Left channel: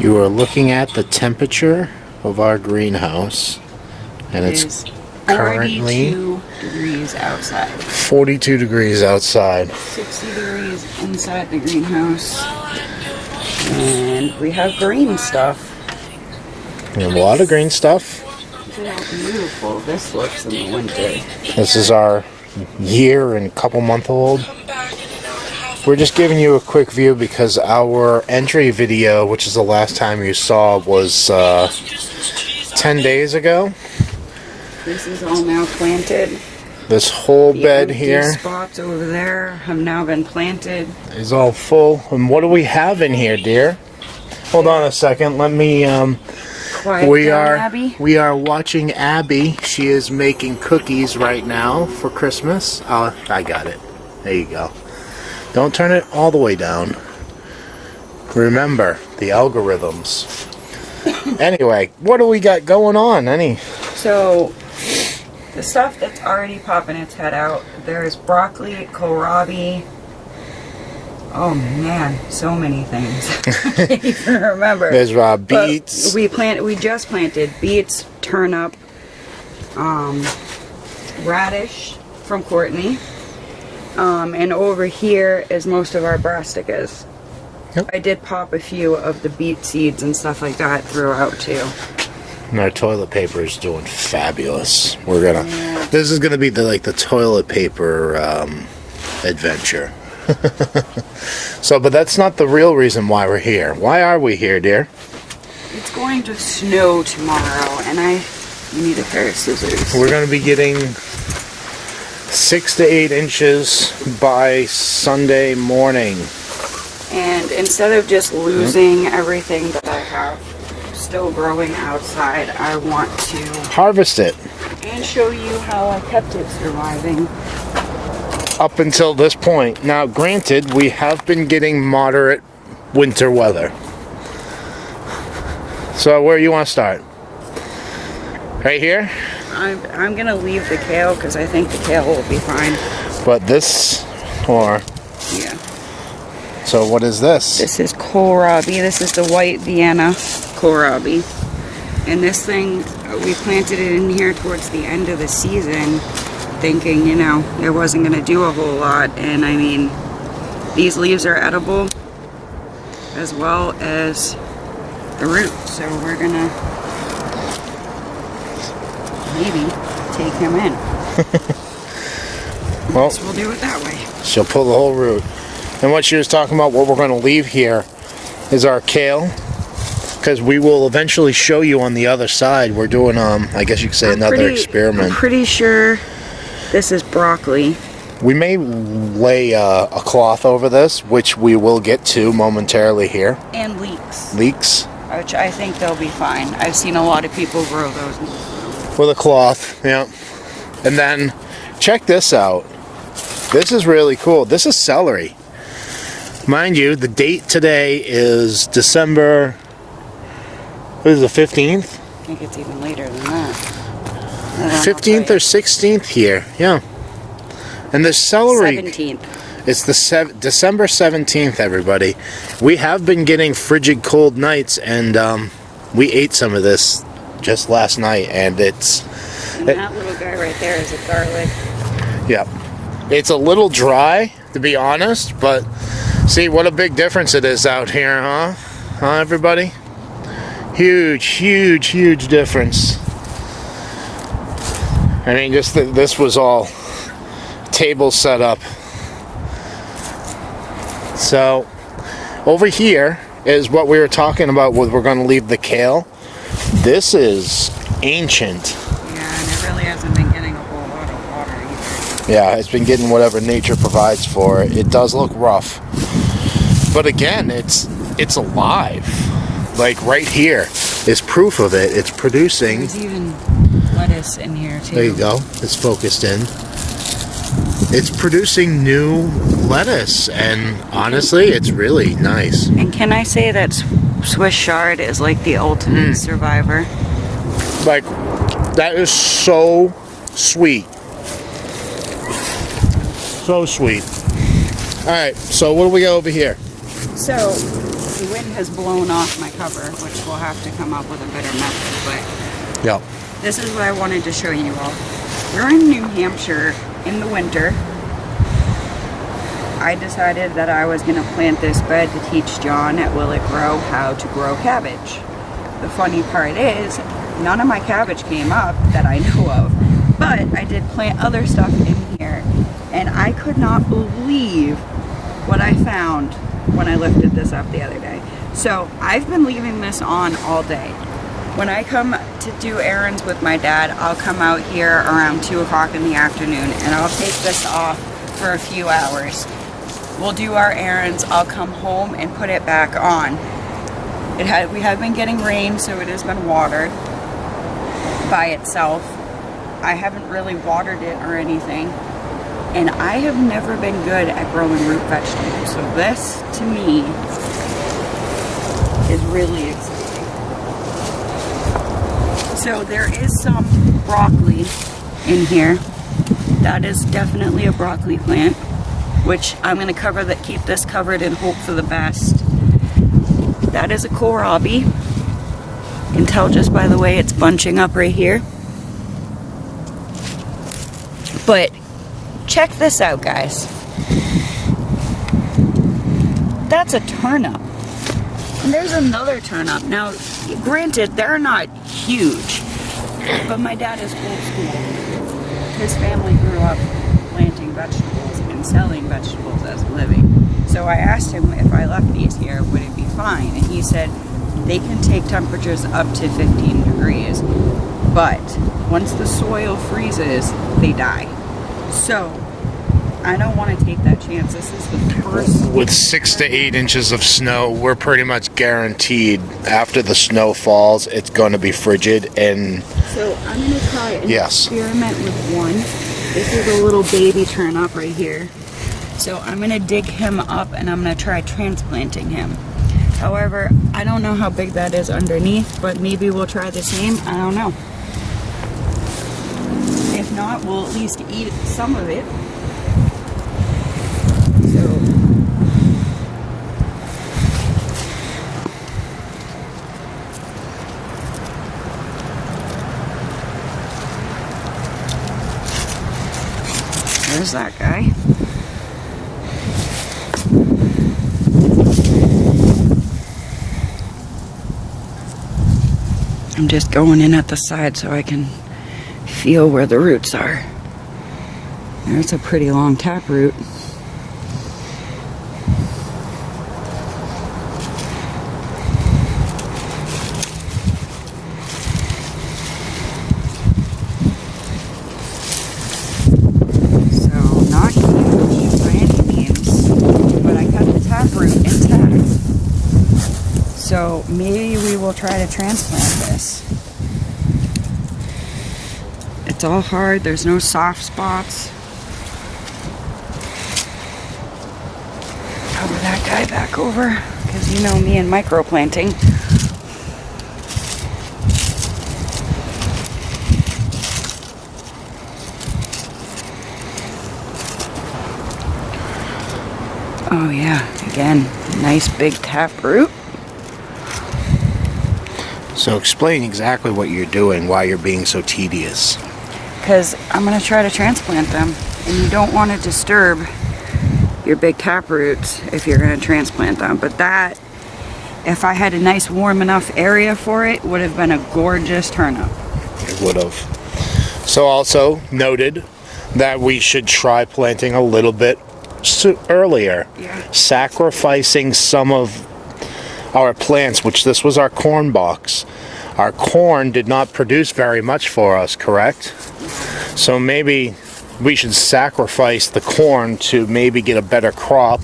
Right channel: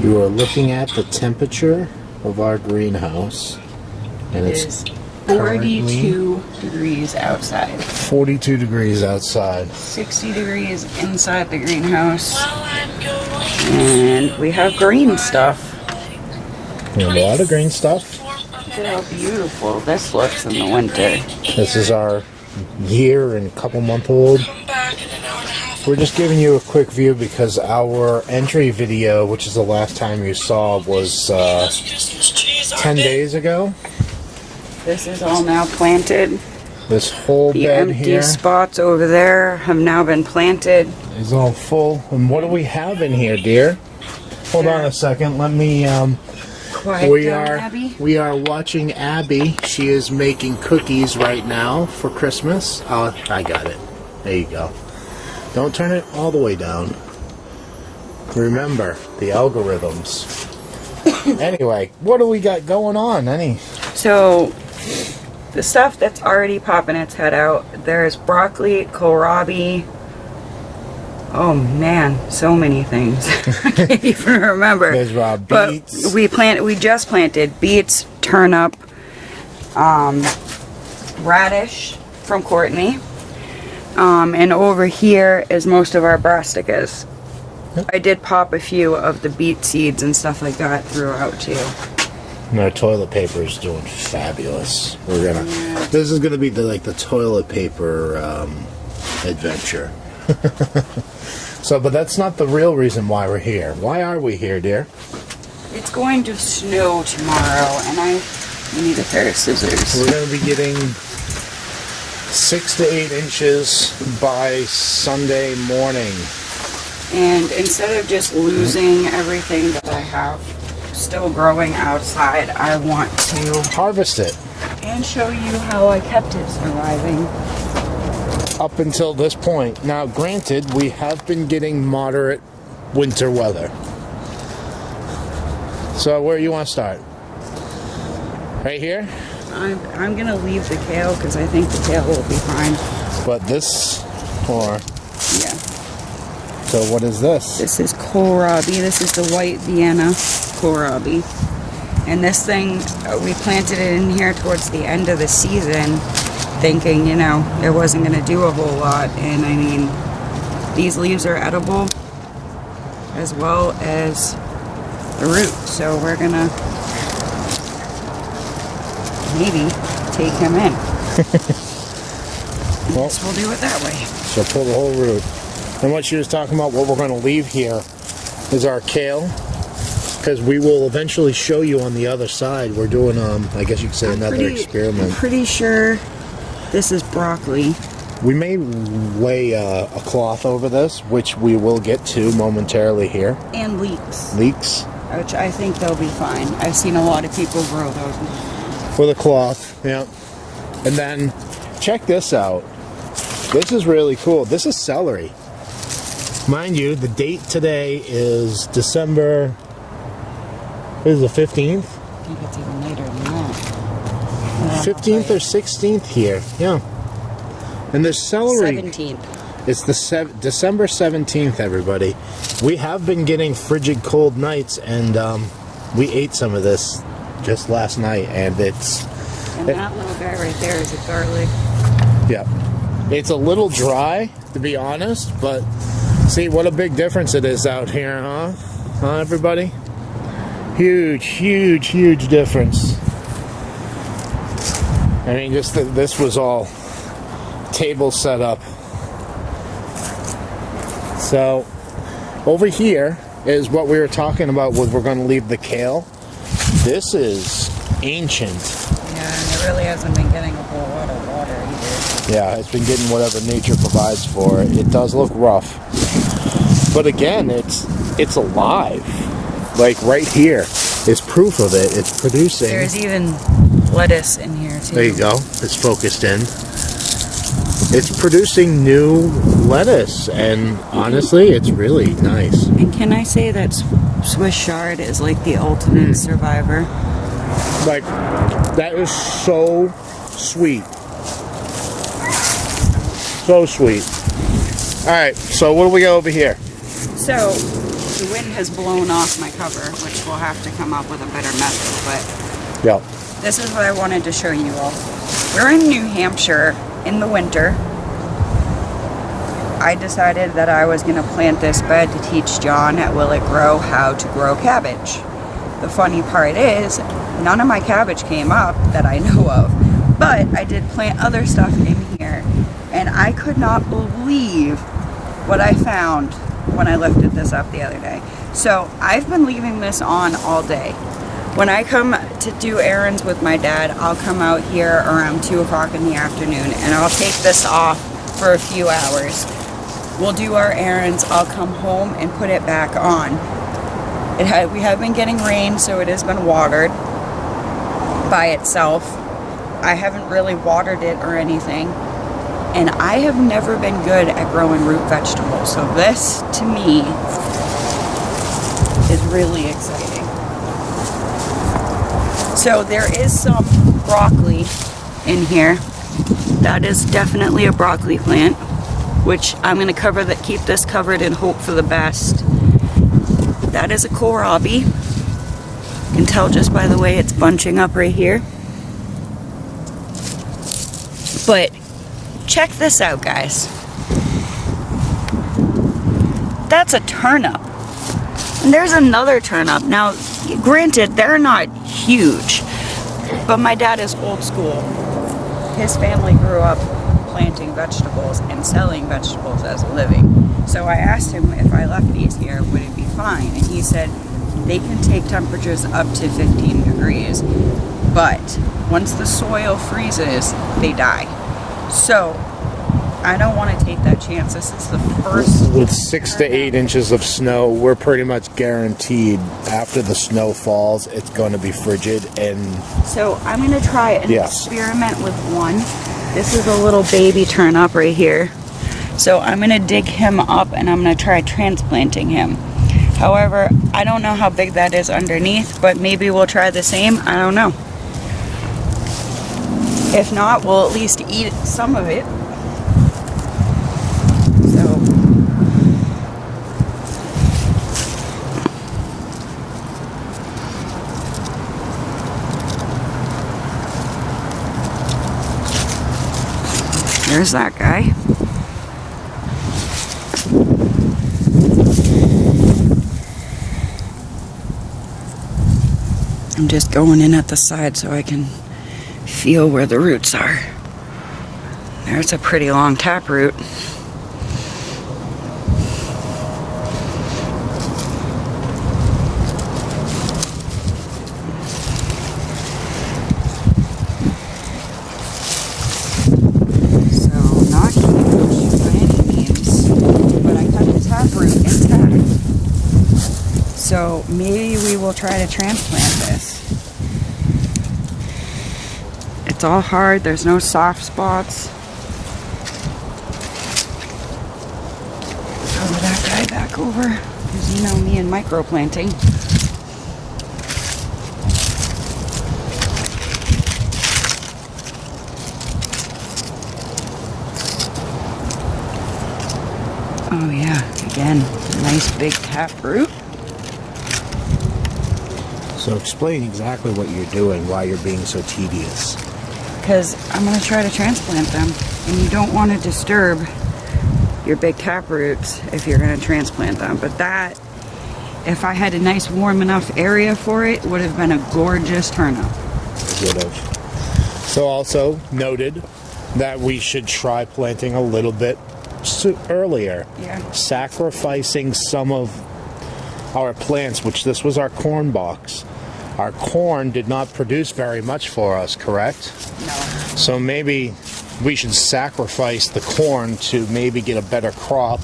You are looking at the temperature of our greenhouse, and it's currently 42 degrees outside. 42 degrees outside. 60 degrees inside the greenhouse. And we have green stuff. We have a lot of green stuff. Look at how beautiful this looks in the winter. This is our year and couple month old. We're just giving you a quick view because our entry video, which is the last time you saw, was 10 days ago. This is all now planted. This whole bed here. The spots over there have now been planted. Is all full. And what do we have in here, dear? Hold on a second. Let me. We are watching Abby. She is making cookies right now for Christmas. I got it. There you go. Don't turn it all the way down. Remember the algorithms. Anyway, what do we got going on? So, the stuff that's already popping its head out, there's broccoli, kohlrabi. Oh man, so many things. I can't even remember. There's beets. But we just planted beets, turnip, radish from Courtney. And over here is most of our brassicas. Yep. I did pop a few of the beet seeds and stuff like that throughout too. And our toilet paper is doing fabulous. This is gonna be the toilet paper adventure. But that's not the real reason why we're here. Why are we here, dear? It's going to snow tomorrow, and you need a pair of scissors. We're gonna be getting 6 to 8 inches by Sunday morning. And instead of just losing everything that I have still growing outside, I want to harvest it and show you how I kept it surviving up until this point. Now, granted, we have been getting moderate winter weather. So where do you want to start? Right here? I'm gonna leave the kale because I think the kale will be fine. But this, or yeah. So what is this? This is kohlrabi. This is the white Vienna kohlrabi. And this thing, we planted it in here towards the end of the season, thinking, it wasn't gonna do a whole lot. And I mean, these leaves are edible as well as the root. So we're gonna maybe take him in. Well, we'll do it that way. She'll pull the whole root. And what she was talking about, what we're going to leave here is our kale, because we will eventually show you on the other side. We're doing, I guess you could say, another experiment. I'm pretty sure this is broccoli. We may lay a cloth over this, which we will get to momentarily here. And leeks. Leeks. Which I think they'll be fine. I've seen a lot of people grow those. With a cloth, yeah. And then, check this out. This is really cool. This is celery. Mind you, the date today is December, what is the 15th? I think it's even later than that. 15th or 16th here, yeah. And the celery... 17th. It's the December 17th, everybody. We have been getting frigid cold nights, and we ate some of this just last night, and it's... And that little guy right there is a garlic. Yeah. It's a little dry, to be honest, but see what a big difference it is out here, huh? Huh, everybody? Huge, huge, huge difference. I mean, just this was all table set up. So, over here is what we were talking about with we're going to leave the kale. This is ancient. Yeah, and it really hasn't been getting a whole lot of water either. Yeah, it's been getting whatever nature provides for it. It does look rough. But again, it's alive. Like right here is proof of it. It's producing. There's even lettuce in here too. There you go. It's focused in. It's producing new lettuce, and honestly, it's really nice. And can I say that Swiss chard is like the ultimate survivor? Like, that is so sweet. So sweet. Alright, so what do we got over here? So, The wind has blown off my cover, which we'll have to come up with a better method, but Yep. this is what I wanted to show you all. We're in New Hampshire in the winter. I decided that I was gonna plant this bed to teach John at Will It Grow how to grow cabbage. The funny part is, none of my cabbage came up that I know of, but I did plant other stuff in here, and I could not believe what I found when I lifted this up the other day. So I've been leaving this on all day. When I come to do errands with my dad, I'll come out here around 2 o'clock in the afternoon and I'll take this off for a few hours. We'll do our errands, I'll come home and put it back on. We have been getting rain, so it has been watered by itself. I haven't really watered it or anything. And I have never been good at growing root vegetables. So this, to me, is really exciting. So there is some broccoli in here. That is definitely a broccoli plant, which I'm gonna keep this covered and hope for the best. That is a kohlrabi. You can tell just by the way it's bunching up right here. But check this out, guys. That's a turnip. And there's another turnip. Now, granted, they're not huge, but my dad is old school. His family grew up planting vegetables and selling vegetables as a living. So I asked him if I left these here, would it be fine? And he said they can take temperatures up to 15 degrees, but once the soil freezes, they die. So I don't want to take that chance. This is the first. With 6 to 8 inches of snow, we're pretty much guaranteed after the snow falls, it's going to be frigid. And so I'm going to try an experiment with one. This is a little baby turnip right here. So I'm going to dig him up and I'm going to try transplanting him. However, I don't know how big that is underneath, but maybe we'll try the same. I don't know. If not, we'll at least eat some of it. So there's that guy. I'm just going in at the side so I can feel where the roots are. There's a pretty long taproot. So not huge by any means, but I cut the taproot intact. So maybe we will try to transplant this. It's all hard, there's no soft spots. Cover that guy back over, because you know me and microplanting. Oh yeah, again, nice big taproot. so explain exactly what you're doing, why you're being so tedious. Because I'm going to try to transplant them, and you don't want to disturb your big taproots if you're going to transplant them. But that, if I had a nice warm enough area for it, would have been a gorgeous turnip. It would have. So also noted that we should try planting a little bit earlier. Yeah. Sacrificing some of our plants, which this was our corn box. Our corn did not produce very much for us, correct? No. So maybe we should sacrifice the corn to maybe get a better crop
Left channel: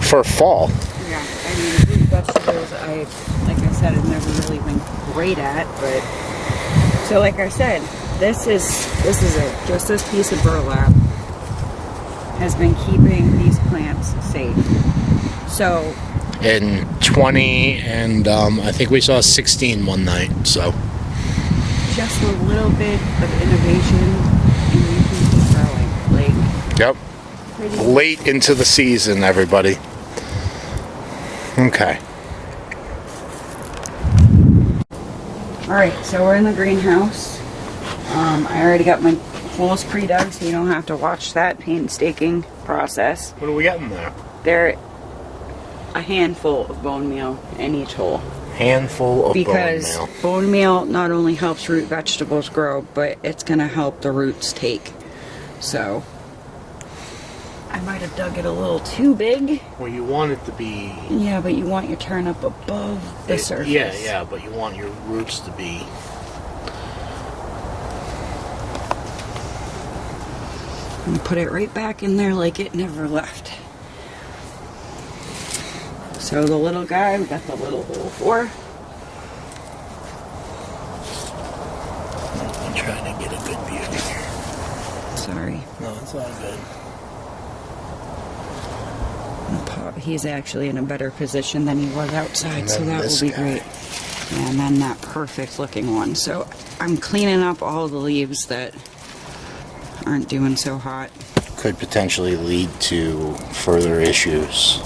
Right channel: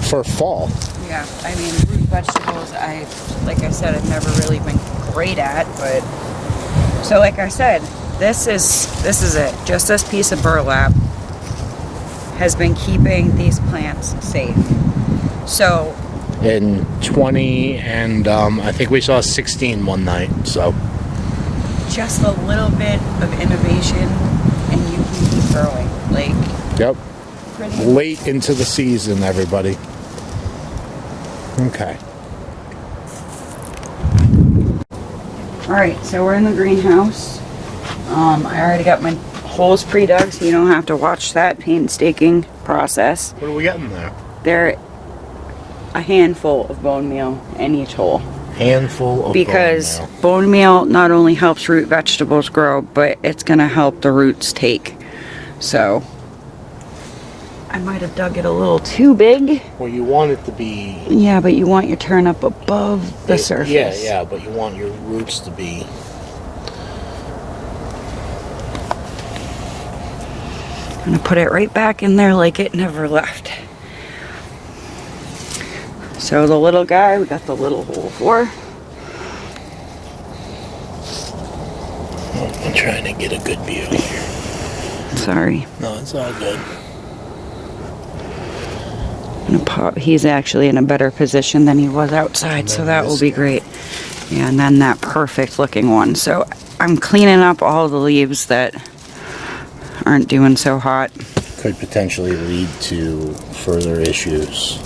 for fall. Yeah, I mean, root vegetables, like I said, I've never really been great at, but so like I said, this is it. Just this piece of burlap has been keeping these plants safe. So in 20 and I think we saw 16 one night, so just a little bit of innovation and you can keep growing. Like, yep, pretty late into the season, everybody. Okay. Alright, so we're in the greenhouse. I already got my holes pre-dug, so you don't have to watch that painstaking process. What are we getting there? They're a handful of bone meal in each hole. Handful of because bone meal. Bone meal not only helps root vegetables grow, but it's going to help the roots take. So, I might have dug it a little too big. Well, you want it to be... Yeah, but you want your turnip above the surface. Yeah, but you want your roots to be... I'm going to put it right back in there like it never left. So the little guy, we got the little hole for. I'm trying to get a good view here. Sorry. No, it's all good. He's actually in a better position than he was outside, so that will be great. Yeah, and then that perfect looking one. So I'm cleaning up all the leaves that aren't doing so hot. Could potentially lead to further issues.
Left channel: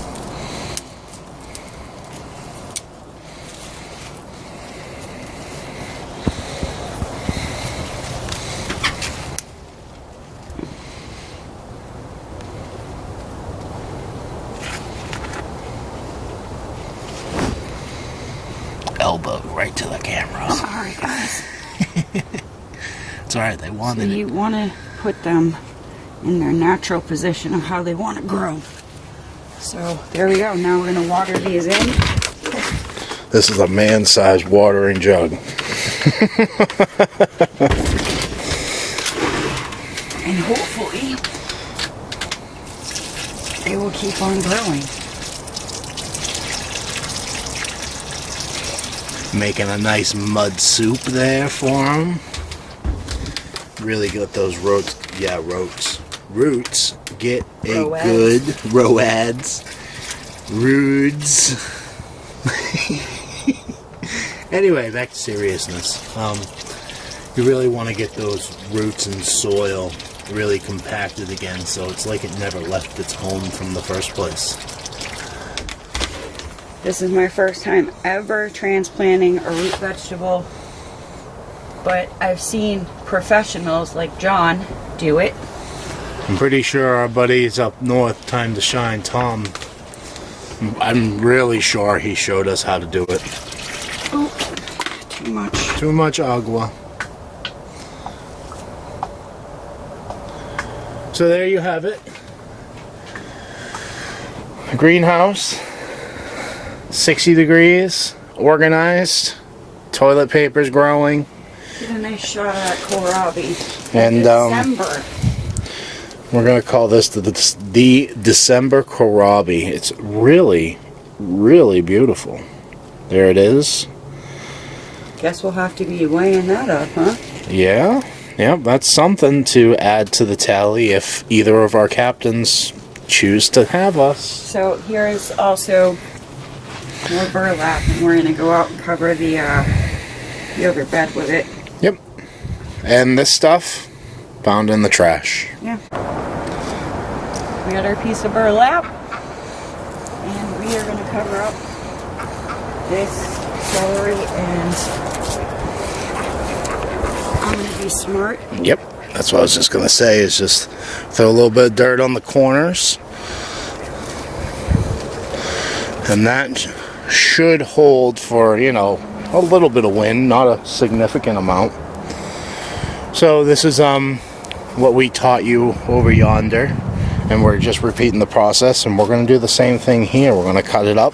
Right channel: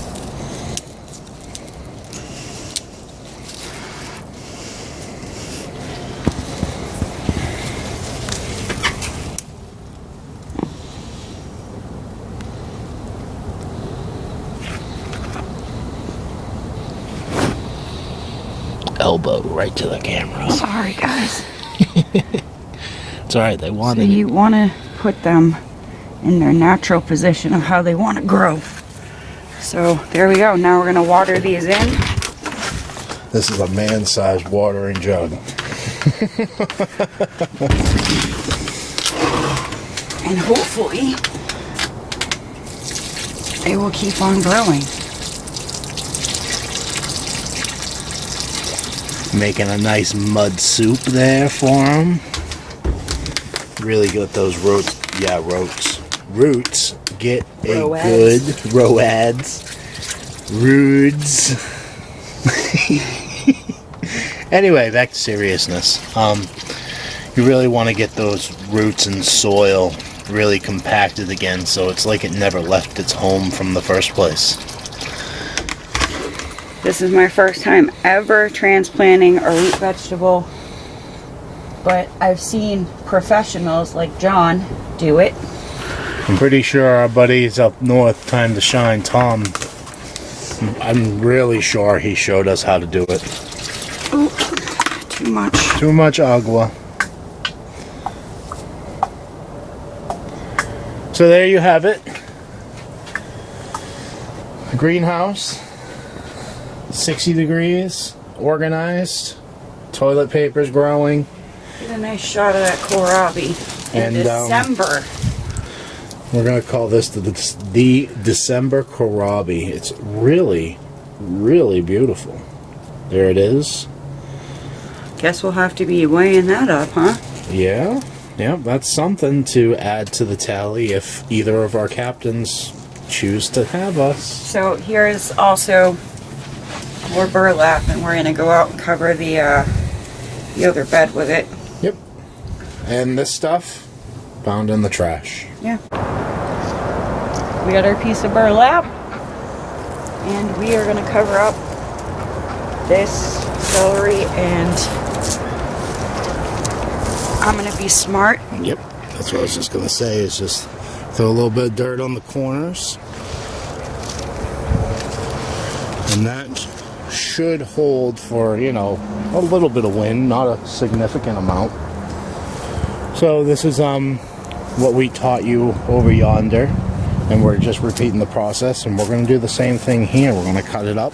Elbow right to the camera. Sorry, guys. It's alright, they wanted So you want to put them in their natural position of how they want to grow. So there we go. Now we're going to water these in. This is a man-sized watering jug. And hopefully they will keep on growing. Making a nice mud soup there for them. Really got those roots. Yeah, roots get a good roads. Anyway, back to seriousness. You really want to get those roots and soil really compacted again, so it's like it never left its home from the first place. This is my first time ever transplanting a root vegetable, but I've seen professionals like John do it. I'm pretty sure our buddies up north, Time to Shine, Tom, I'm really sure he showed us how to do it. Oh, too much. Too much agua. So there you have it. Greenhouse. 60 degrees, organized, toilet paper's growing. Get a nice shot of that kohlrabi. And December. We're gonna call this the December kohlrabi. It's really, really beautiful. There it is. Guess we'll have to be weighing that up, huh? Yeah, that's something to add to the tally if either of our captains choose to have us. So here is also more burlap, and we're gonna go out and cover the other bed with it. Yep. And this stuff found in the trash. Yeah. We got our piece of burlap, and we are gonna cover up this celery, and I'm gonna be smart. Yep. That's what I was just gonna say, is just throw a little bit of dirt on the corners. And that should hold for, you know, a little bit of wind, not a significant amount. So this is what we taught you over yonder, and we're just repeating the process, and we're going to do the same thing here. We're going to cut it up.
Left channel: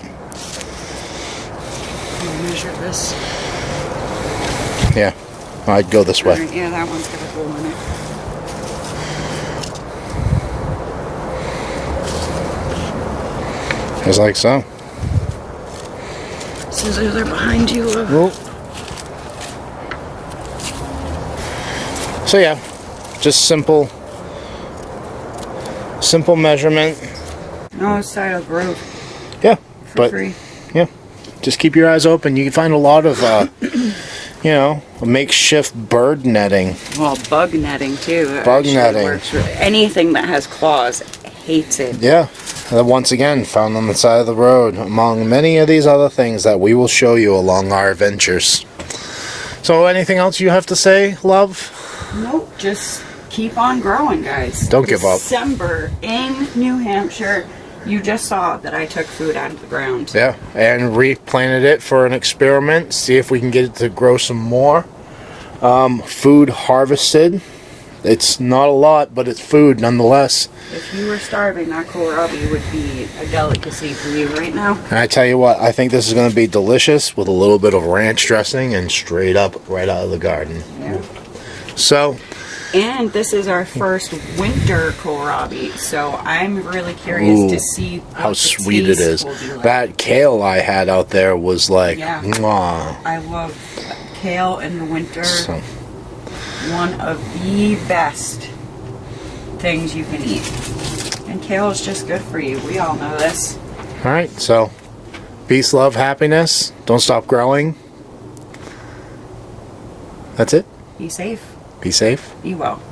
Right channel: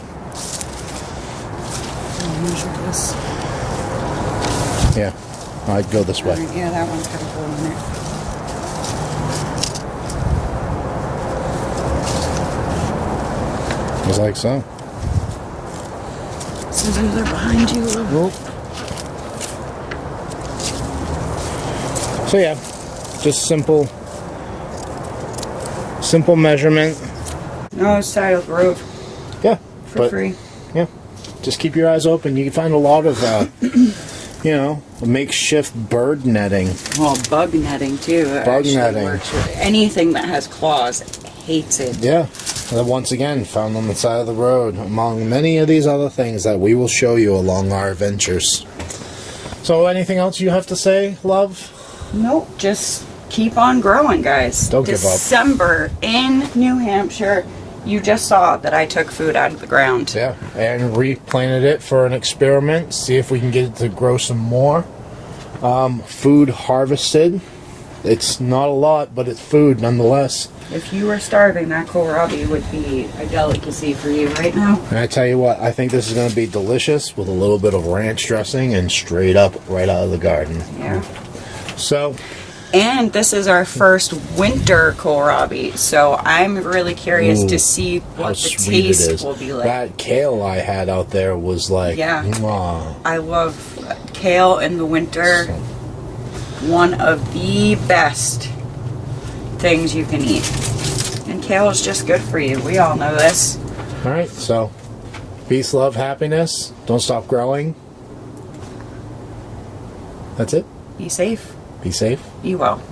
Measure this. Yeah, I'd go this way. Yeah, that one's got a hole in it. Just like so. Scissors are behind you. Whoop. So yeah, just simple measurement. No, it's side of the road. Yeah, for free. Yeah, just keep your eyes open. You can find a lot of, you know, makeshift bird netting. Well, bug netting too. Bug netting. Anything that has claws hates it. Yeah. Once again, found on the side of the road, among many of these other things that we will show you along our adventures. So anything else you have to say, love? Nope, just keep on growing, guys. Don't give up. December in New Hampshire, you just saw that I took food out of the ground. Yeah, and replanted it for an experiment, see if we can get it to grow some more. Food harvested. It's not a lot, but it's food nonetheless. If you were starving, that kohlrabi would be a delicacy for you right now. And I tell you what, I think this is going to be delicious with a little bit of ranch dressing and straight up right out of the garden. Yeah. So, and this is our first winter kohlrabi, so I'm really curious to see what how the sweet it taste is. will be like. That kale I had out there was like, yeah. Mwah. I love kale in the winter. So, one of the best things you can eat. And kale is just good for you. We all know this. alright, so peace, love, happiness. Don't stop growing. That's it. Be safe. Be safe. Be well.